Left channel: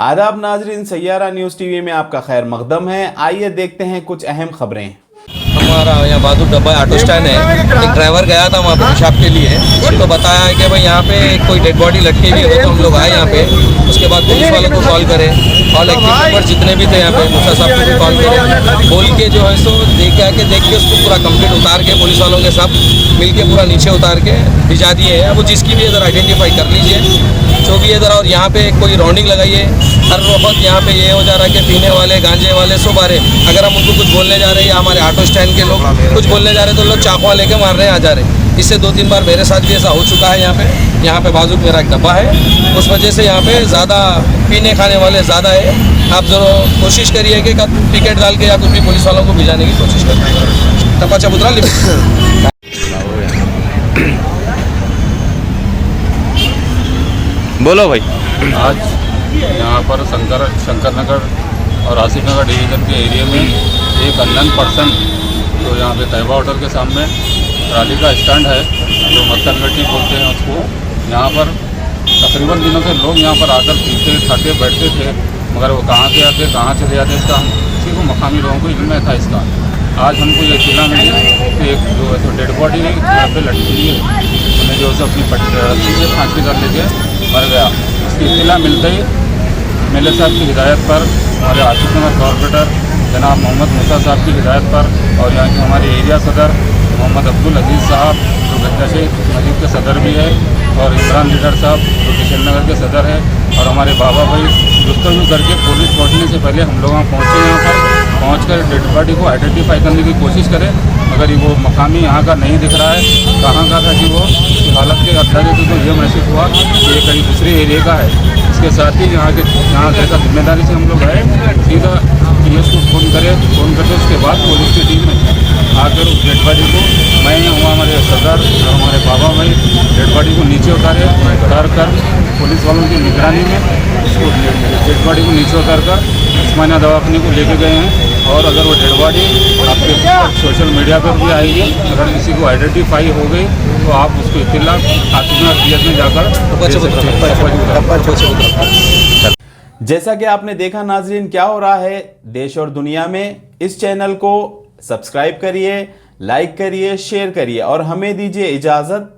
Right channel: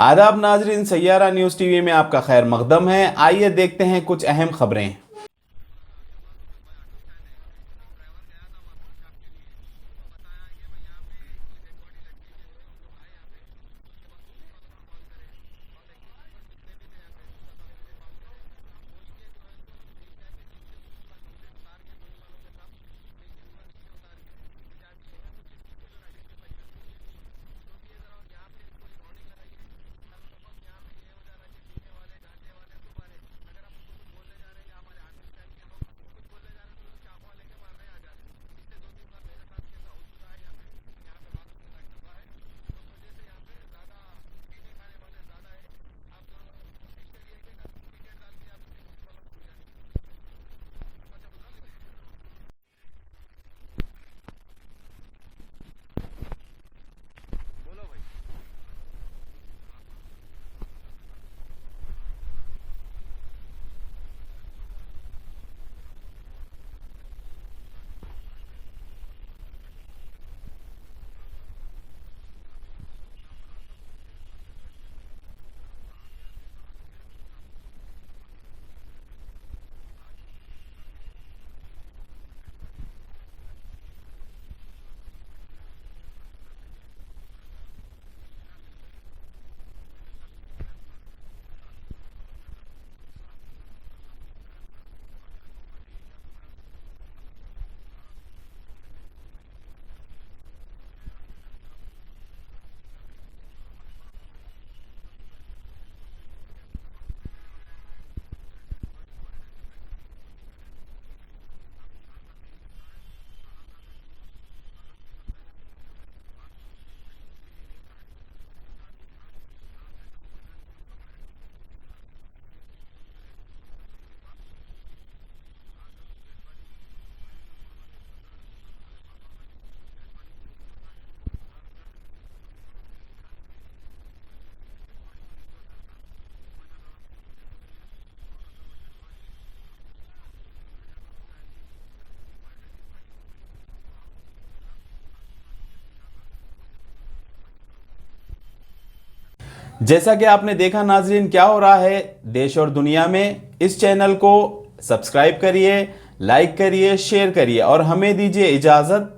आदाब नाजरीन, Saiyaara news TV में आपका खैर मकदम है। आइए देखते हैं कुछ अहम खबरें। हमारा यहाँ बहादुर डब्बा ऑटो स्टैंड है। एक ड्राइवर गया था वहाँ पे पेशाब के लिए, तो बताया है कि भाई यहाँ पे कोई डेड बॉडी लटकी हुई है। तो हम लोग आए यहाँ पे, उसके बाद पुलिस वालों को कॉल करें और इलेक्ट्रिक नंबर जितने भी थे यहाँ पे मुखिया साहब को भी कॉल करें, बोल के जो है सो देख के उसको पूरा कंप्लीट उतार के पुलिस वालों के सब मिल के पूरा नीचे उतार के भिजा दिए हैं। वो जिसकी भी इधर आइडेंटिफाई कर लीजिए जो भी इधर। और यहाँ पे कोई राउंडिंग लगाइए, हर वक्त यहाँ पे ये हो जा रहा है कि पीने वाले गांजे वाले सब आ रहे। अगर हम उनको कुछ बोलने जा रहे हैं या हमारे ऑटो स्टैंड के लोग कुछ बोलने जा रहे हैं तो लोग चाकुआ लेके मार रहे हैं, आ जा रहे हैं। इससे 2-3 बार मेरे साथ भी ऐसा हो चुका है। यहाँ पे बाजू मेरा एक डब्बा है, उस वजह से यहाँ पे ज़्यादा पीने खाने वाले ज़्यादा है। आप ज़रूर कोशिश करिए कि टिकट डाल के या कुछ भी पुलिस वालों को भिजाने की कोशिश करिए। तपा चबूतरा लिमिट। बोलो भाई। आज यहाँ पर शंकर नगर और आसिफ नगर डिवीज़न के एरिया में एक अननोन पर्सन जो यहाँ पे तैयबा होटल के सामने ट्राली का स्टैंड है जो मक्खन गट्टी बोलते हैं उसको, यहाँ पर तकरीबन दिनों से लोग यहाँ पर आकर पीते खाते बैठते थे, मगर वो कहाँ से आते कहाँ चले जाते इसका हम किसी को मकामी लोगों को इल्म था इसका। आज हमको ये इत्तला मिली कि एक जो है डेड बॉडी यहाँ पे लटकी हुई है, उन्हें जो है अपनी रस्सी से फांसी कर लेके मर गया। इसकी इत्तला मिलते ही एमएलए साहब की हिदायत पर, हमारे आसिफ नगर कॉर्पोरेटर जनाब मोहम्मद मूसा साहब की हिदायत पर और यहाँ के हमारे एरिया सदर मोहम्मद अब्दुल अजीज़ साहब जो गंजाशे मस्जिद के सदर भी है, और इमरान लीडर साहब जो किशन नगर के सदर है, और हमारे बाबा भाई गुफ्तगू करके पुलिस पहुँचने से पहले हम लोग वहाँ पहुँचे। यहाँ पर पहुँचकर डेड बॉडी को आइडेंटिफाई करने की कोशिश करें, मगर वो मकामी यहाँ का नहीं दिख रहा है। कहाँ का था कि वो उसकी हालत के अंदाजे से तो ये महसूस हुआ कि ये कहीं दूसरे एरिया का है। इसके साथ ही यहाँ जैसा जिम्मेदारी से हम लोग आए, सीधा पुलिस को फ़ोन करके उसके बाद पुलिस की टीम में आकर उस डेड बॉडी को, मैं हुआ हमारे सदर और हमारे बाबा भाई डेड बॉडी को नीचे उतार कर पुलिस वालों की निगरानी में उसको डेड बॉडी को नीचे उतार कर उस्मानिया दवाखाने को लेके गए हैं। और अगर वो डेड बॉडी आपके सोशल मीडिया पर भी आएगी, अगर किसी को आइडेंटिफाई हो गई तो आप उसको इत्तला आसिफ नगर में जाकर। जैसा कि आपने देखा नाजरीन, क्या हो रहा है देश और दुनिया में। इस चैनल को सब्सक्राइब करिए, लाइक करिए, शेयर करिए और हमें दीजिए इजाज़त।